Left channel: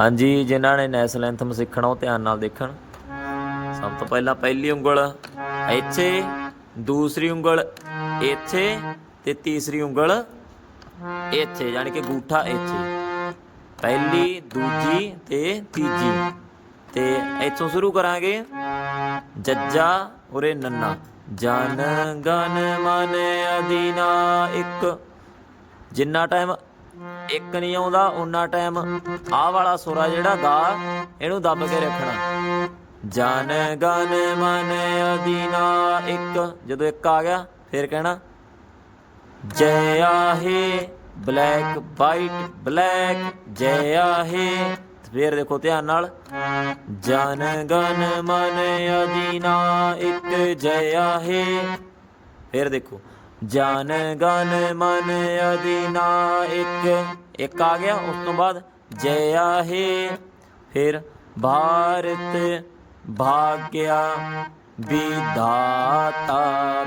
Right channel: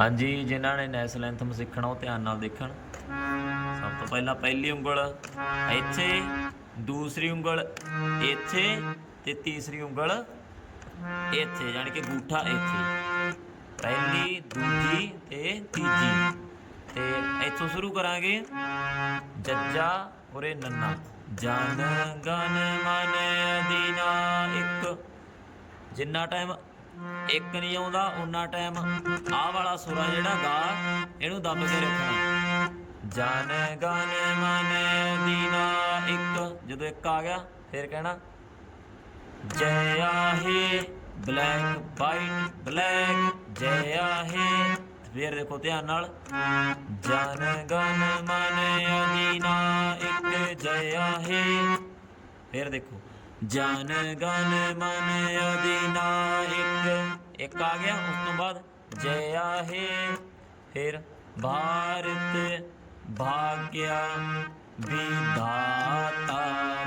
ਹਾਂਜੀ, ਜਿਨ੍ਹਾਂ ਨੇ ਨੈਸ਼ਨਲ ਐਂਥਮ ਸਿੱਖਣਾ, ਉਹ ਧਿਆਨ ਨਾਲ ਦੇਖਣ। ਸਭ ਤੋਂ ਪਹਿਲਾਂ ਪਹਿਲੀ ਉਂਗਲ, ਇੱਥੇ, ਦੂਸਰੀ ਉਂਗਲ, ਇੱਥੇ ਤੇ ਤੀਸਰੀ ਉਂਗਲ, ਇੱਥੇ, ਯਾਨੀ ਕਿ ਗੂਠਾ ਇੱਥੇ। ਪਹਿਲੀ, ਦੂਜੀ ਤੇ ਤੀਜੀ। ਤੇ ਇੱਥੋਂ ਸ਼ੁਰੂ ਕਰਾਂਗੇ। ਜੱਜਾ ਉਰੇ ਨੰਨਾ। ਜਨ ਗਨ ਮਨ ਅਦੀਨਾ ਇੱਕ। ਜਿੰਨਾ ਟਾਈਮ ਇੱਕ ਨਹੀਂ ਆਉਂਦਾ ਉਨਾ ਟਾਈਮ ਆਹ ਵਾਲਾ ਸੁਰਾ ਜਿਹੜਾ ਗਾ, ਇਹਨੂੰ ਦੱਬ ਕੇ ਰੱਖਣਾ। ਜਨ, ਗਨ, ਮਨ ਅਦੀਨਾ ਇੱਕ। ਜਦੋਂ ਇੱਕ ਆ ਗਿਆ, ਫਿਰ ਕਹਿਣਾ, ਜੈ ਆਹੇ, ਬਲੈਕ ਵਾਈਟ, ਬਲੈਕ, ਜੈ ਆਹੇ। ਫਿਰ ਦੇਖੋ ਧਿਆਨ ਨਾਲ, ਜਨ, ਗਨ, ਮਨ ਅਦੀਨਾ ਇੱਕ, ਜੈ ਆਹੇ। ਫਿਰ ਦੇਖੋ। ਜਨ ਗਨ ਮਨ ਅਦੀਨਾ ਇੱਕ ਇੱਕ ਆ ਗਿਆ ਉਸ ਤੋਂ ਬਾਅਦ ਜੈ ਆਹੇ ਫਿਰ ਭਾਰਤ ਭਾਗਿਆ ਵਿਧਾਤਾ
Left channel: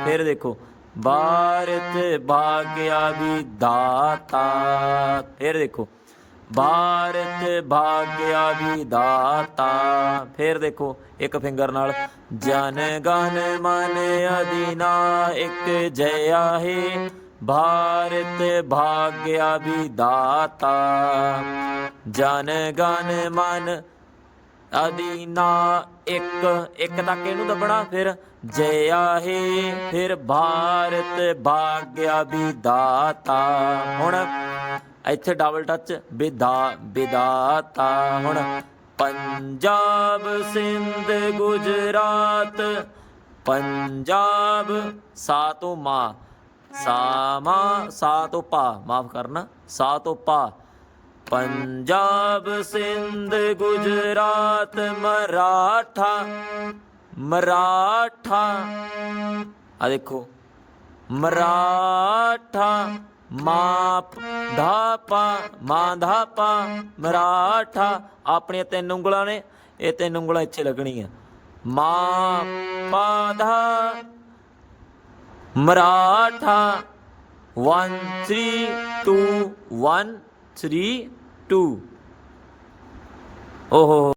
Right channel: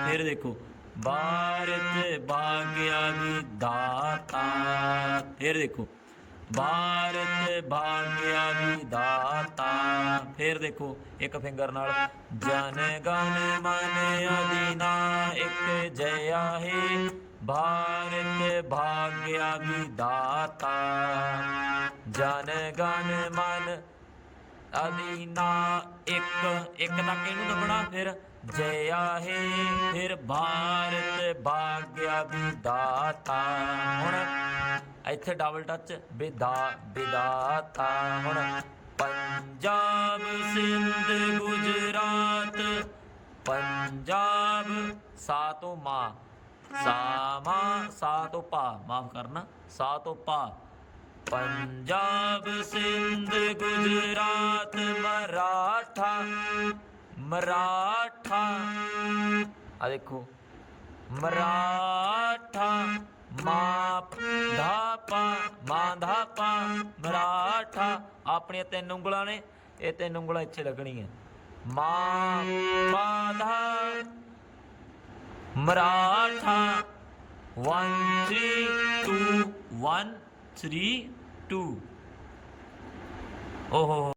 ਫਿਰ ਦੇਖੋ ਭਾਰਤ ਭਾਗਿਆ ਵਿਧਾਤਾ ਫਿਰ ਦੇਖੋ ਭਾਰਤ ਭਾਗਿਆ ਵਿਧਾਤਾ। ਫੇਰ ਦੇਖੋ, ਇੱਕ ਫਿੰਗਰ ਨਾਲ, ਜਨ ਗਨ ਮਨ ਅਦੀਨਾ ਇੱਕ ਜੈ ਆਹੇ ਭਾਰਤ ਭਾਗਿਆ ਵਿਧਾਤਾ। ਜਨ ਗਨ ਮਨ ਅਦੀਨਾ ਇੱਕ ਇੱਕ ਤੱਕ ਇਹਨੂੰ ਦੱਬਣਾ, ਫਿਰ ਜੈ ਆਹੇ, ਫਿਰ ਭਾਰਤ ਭਾਗਿਆ ਵਿਧਾਤਾ। ਹੁਣ ਇੱਥੇ ਡਬਲ ਟੱਚ ਵਿਦਾ ਵਿਦਾਤਾ ਹੁਣ ਪੰਜਾਬ ਸਿੰਧ ਗੁਜਰਾਤ, ਪੰਜਾਬ ਸਾ ਤੋਂ ਮਾ, ਸਾ ਸਾ ਤੋਂ ਪਾ, ਮਾਫ ਕਰਨਾ, ਸਾ ਤੋਂ ਪਾ। ਪੰਜਾਬ ਸਿੰਧ ਗੁਜਰਾਤ ਮਰਾਠਾ ਮਰਾਠਾ। ਆ ਦੇਖੋ, ਮਰਾਠਾ, ਮਾਪ ਧਾਪਾ, ਮਾਂ ਧਾਪਾ, ਮਰਾਠਾ। ਆਪਣੀਆਂ ਤਿੰਨ ਉਂਗਲਾਂ ਨੇ, ਇਹ ਤਿੰਨ ਉਂਗਲਾਂ ਇੱਥੇ ਲੱਗਣੀਆਂ। ਮਾਂ ਪਾ ਮਰਾਠਾ। 1 3 2 1 3 2 ਓਹੋ